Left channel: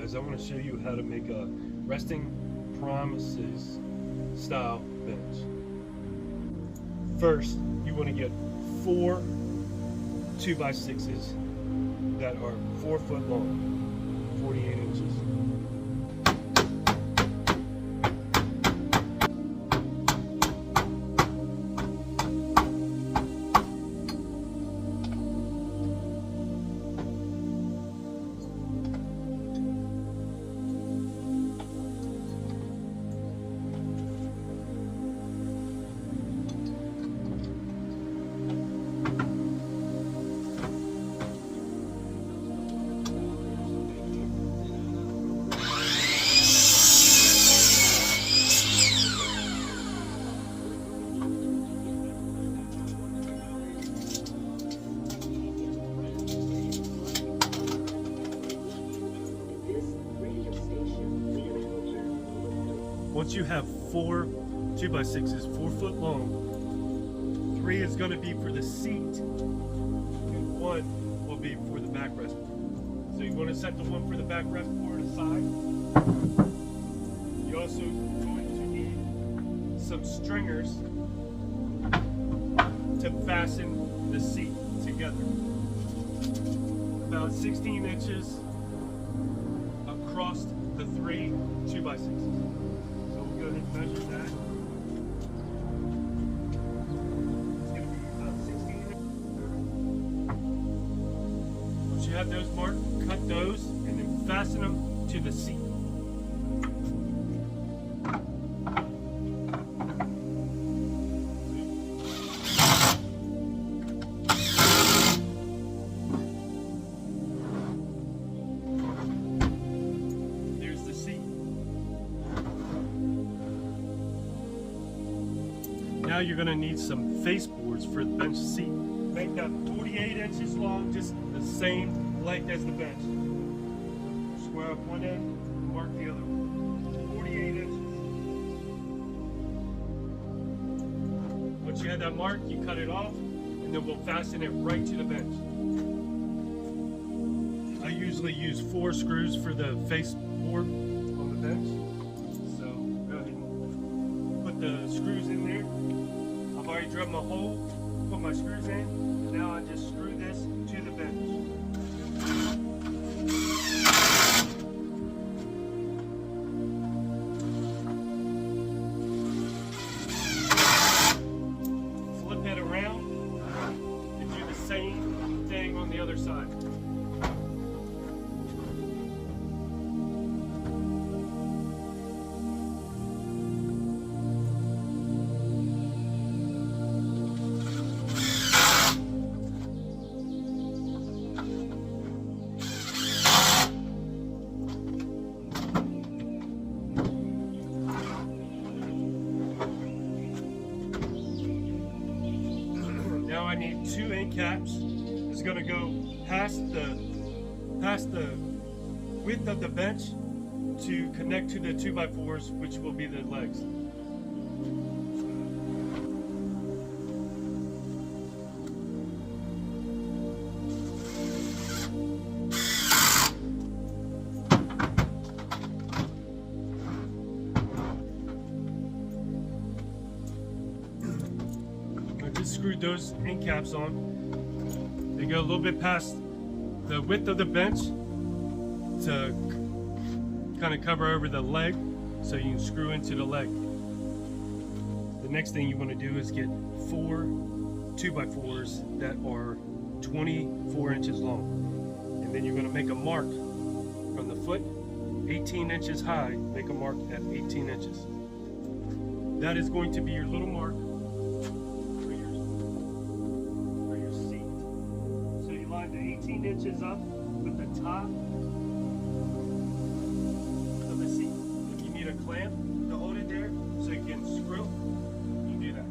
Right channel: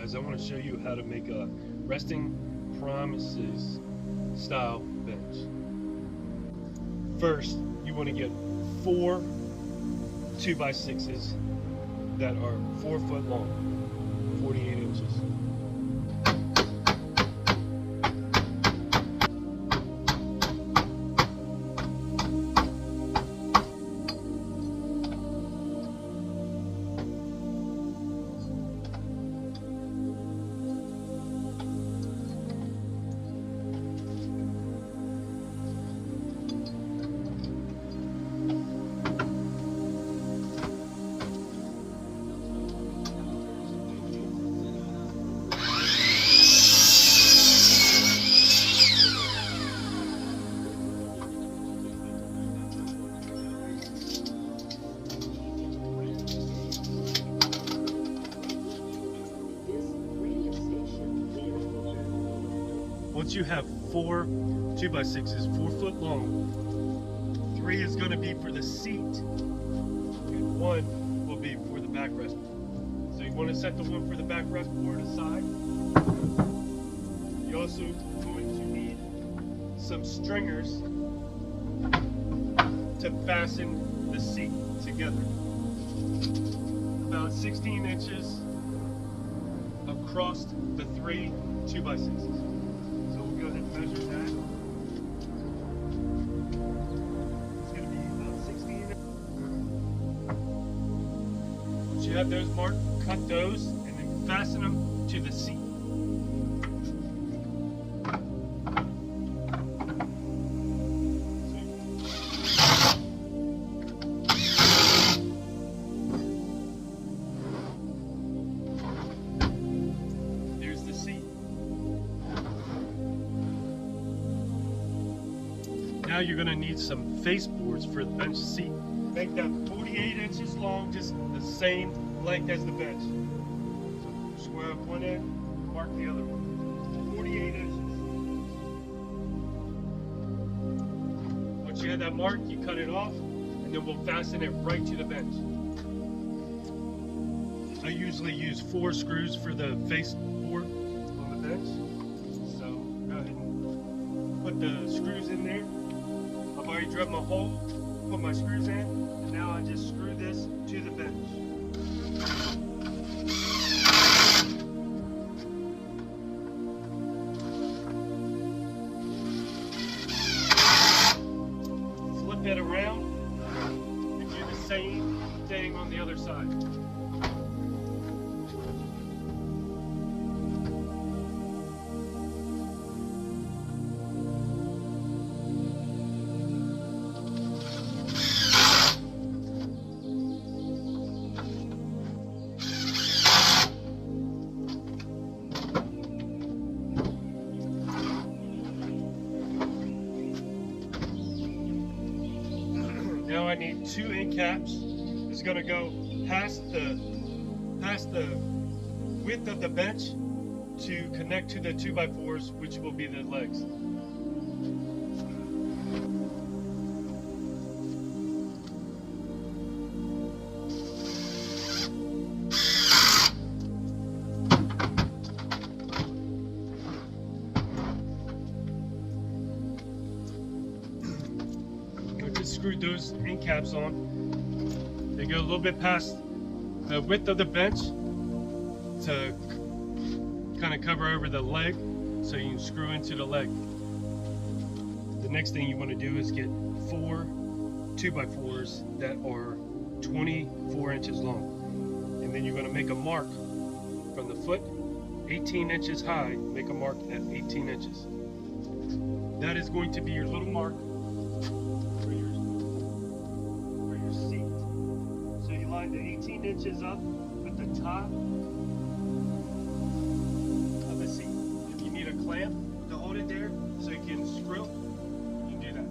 guys, I want to show you how to make a resting promises style bench. First, you want to get 4 2x6s that are 4 foot long, 48 inches. Once you have 4 2x6s, 4 foot long, 3 is going to be for the seat, and 1 will be for the backrest. So you want to set the one for the backrest board aside. You're also going to need some stringers to fasten the seat together. About 16 inches across the 3 2x6s. Go ahead and measure that. It's going to be about 16. Once you have those marked, cut those and then fasten them to the seat. There's the seat. Now you're going to need some face boards for the bench seat. Make that 48 inches long, just the same length as the bench. So square up one end, mark the other one. 48 inches. Once you have that mark, you cut it off, and then we'll fasten it right to the bench. I usually use 4 screws for the face board on the bench. So go ahead and put the screws in there. I've already drilled my hole, put my screws in. Now I just screw this to the bench. Flip it around and do the same thing on the other side. Now I need 2 end caps. It's going to go past the width of the bench to connect to the 2x4s, which will be the legs. Just screwed those end caps on. They go a little bit past the width of the bench to kind of cover over the leg, so you can screw into the leg. The next thing you want to do is get 4 2x4s that are 24 inches long, and then you're going to make a mark from the foot 18 inches high. Make a mark at 18 inches. That is going to be your little mark. The 18 inches up with the top of the seat. If you need a clamp to hold it there so you can screw, you can do that.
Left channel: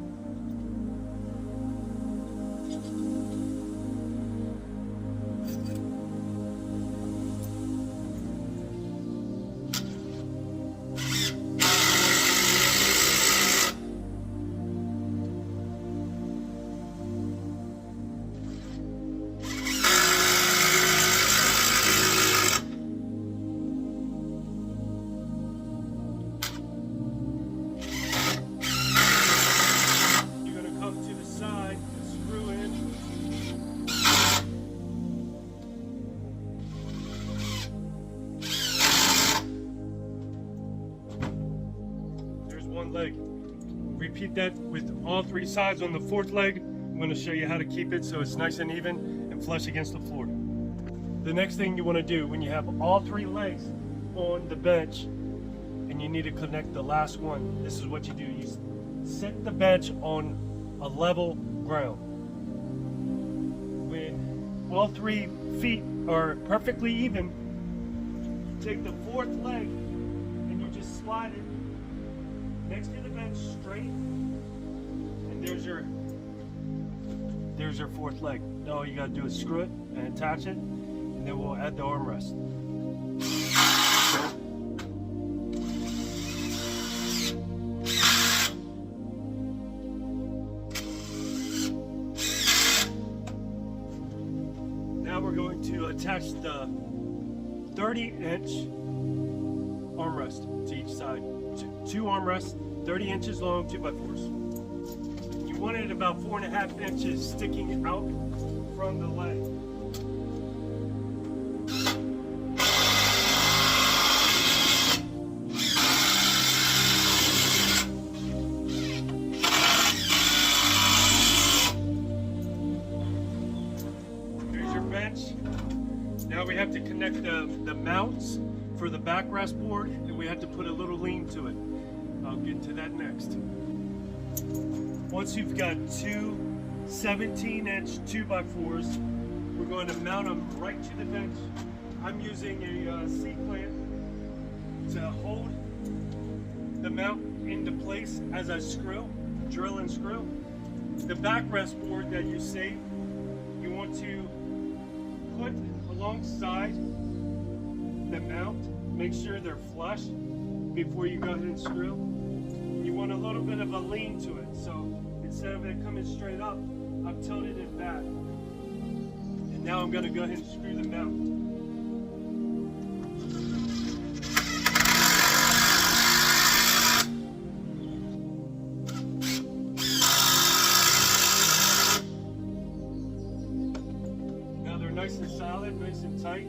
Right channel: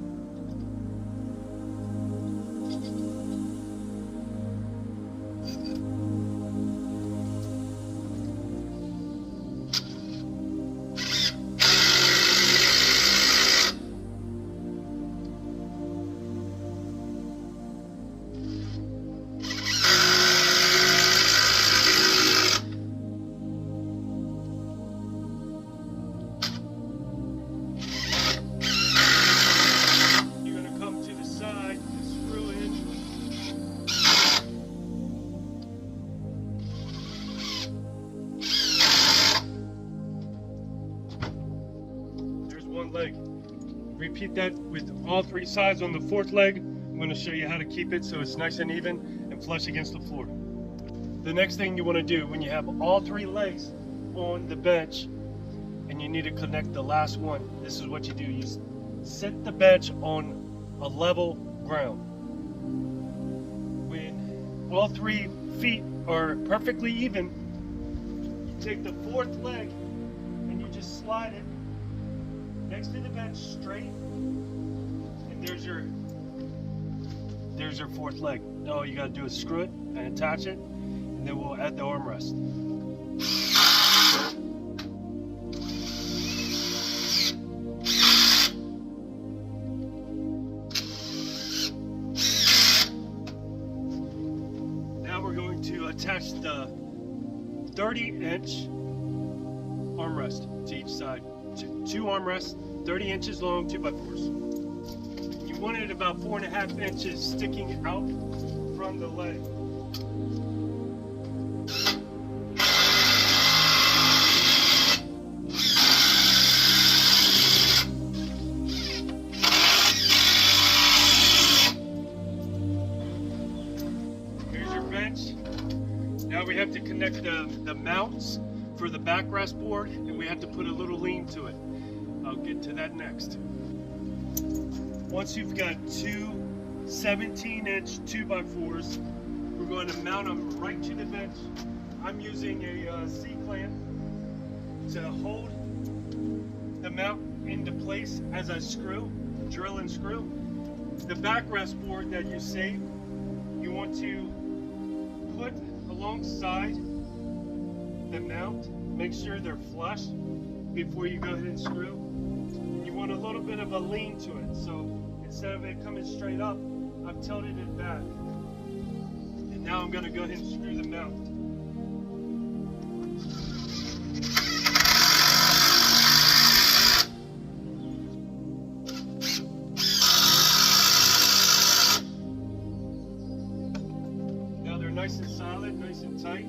one leg. Repeat that with all 3 sides on the 4th leg. I'm going to show you how to keep it so it's nice and even and flush against the floor. The next thing you want to do when you have all 3 legs on the bench and you need to connect the last one, this is what you do. You set the bench on a level ground. When all 3 feet are perfectly even, you take the 4th leg and you just slide it next to the bench straight, and there's your 4th leg. Now all you gotta do is screw it and attach it, and then we'll add the armrest. Now we're going to attach the 30-inch armrest to each side. 2 armrests, 30 inches long, 2x4s. You want it about 4.5 inches sticking out from the leg. Here's your bench. Now we have to connect the mounts for the backrest board, and we have to put a little lean to it. I'll get to that next. Once you've got 2 17-inch 2x4s, we're going to mount them right to the bench. I'm using a C-clamp to hold the mount into place as I drill and screw. The backrest board that you save, you want to put alongside the mount. Make sure they're flush before you go ahead and screw. You want a little bit of a lean to it, so instead of it coming straight up, I've tilted it back. And now I'm going to go ahead and screw the mount. Now they're nice and solid, nice and tight.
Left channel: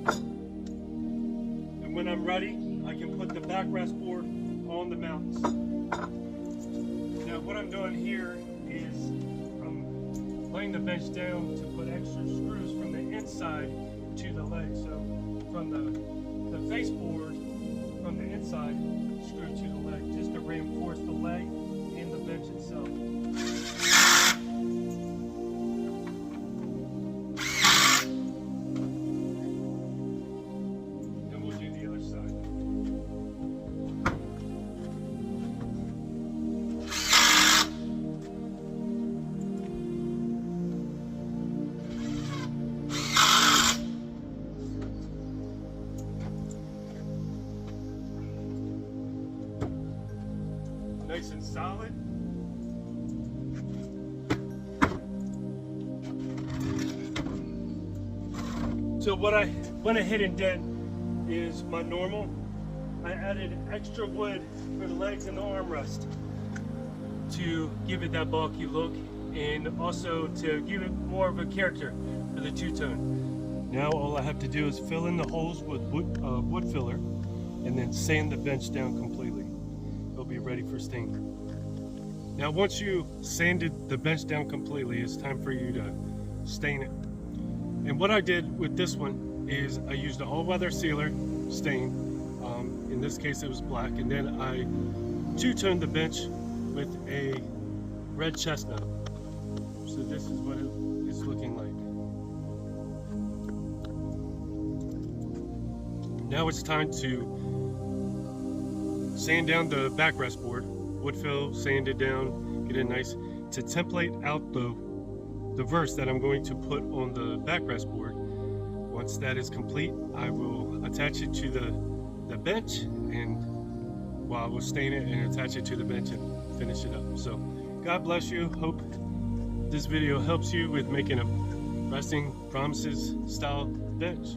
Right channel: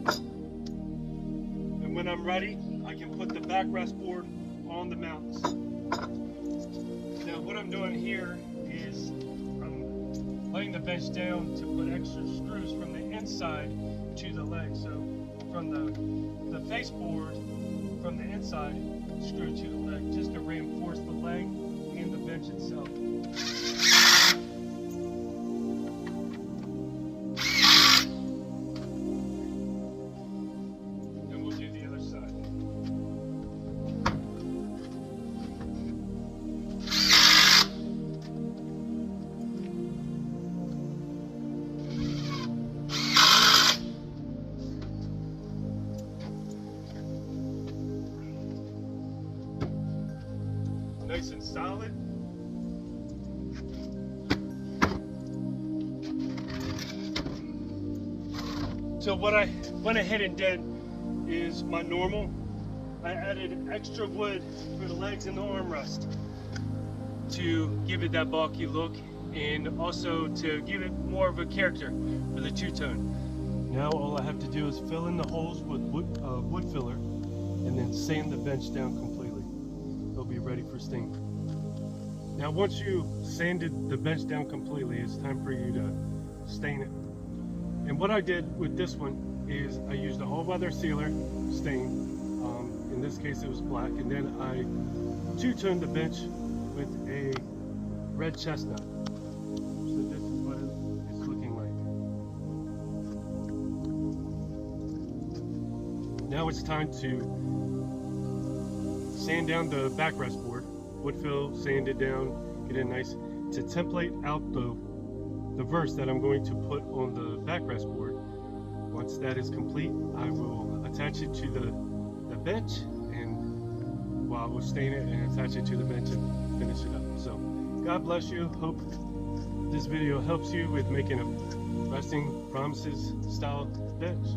And when I'm ready, I can put the backrest board on the mounts. Now what I'm doing here is I'm laying the bench down to put extra screws from the inside to the leg. So from the face board from the inside, screw to the leg, just to reinforce the leg and the bench itself. Nice and solid. So what I went ahead and did is my normal. I added extra wood for the legs and the armrest to give it that bulky look, and also to give it more of a character for the two-tone. Now all I have to do is fill in the holes with wood filler, and then sand the bench down completely. It'll be ready for stain. Now once you sanded the bench down completely, it's time for you to stain it. And what I did with this one is I used an all-weather sealer stain. In this case it was black, and then I two-toned the bench with a red chestnut. So this is what it's looking like. Now it's time to sand down the backrest board, wood fill, sand it down, get it nice, to template out the verse that I'm going to put on the backrest board. Once that is complete, I will attach it to the bench, and I will stain it and attach it to the bench and finish it up. So God bless you. Hope this video helps you with making a Resting Promises style bench.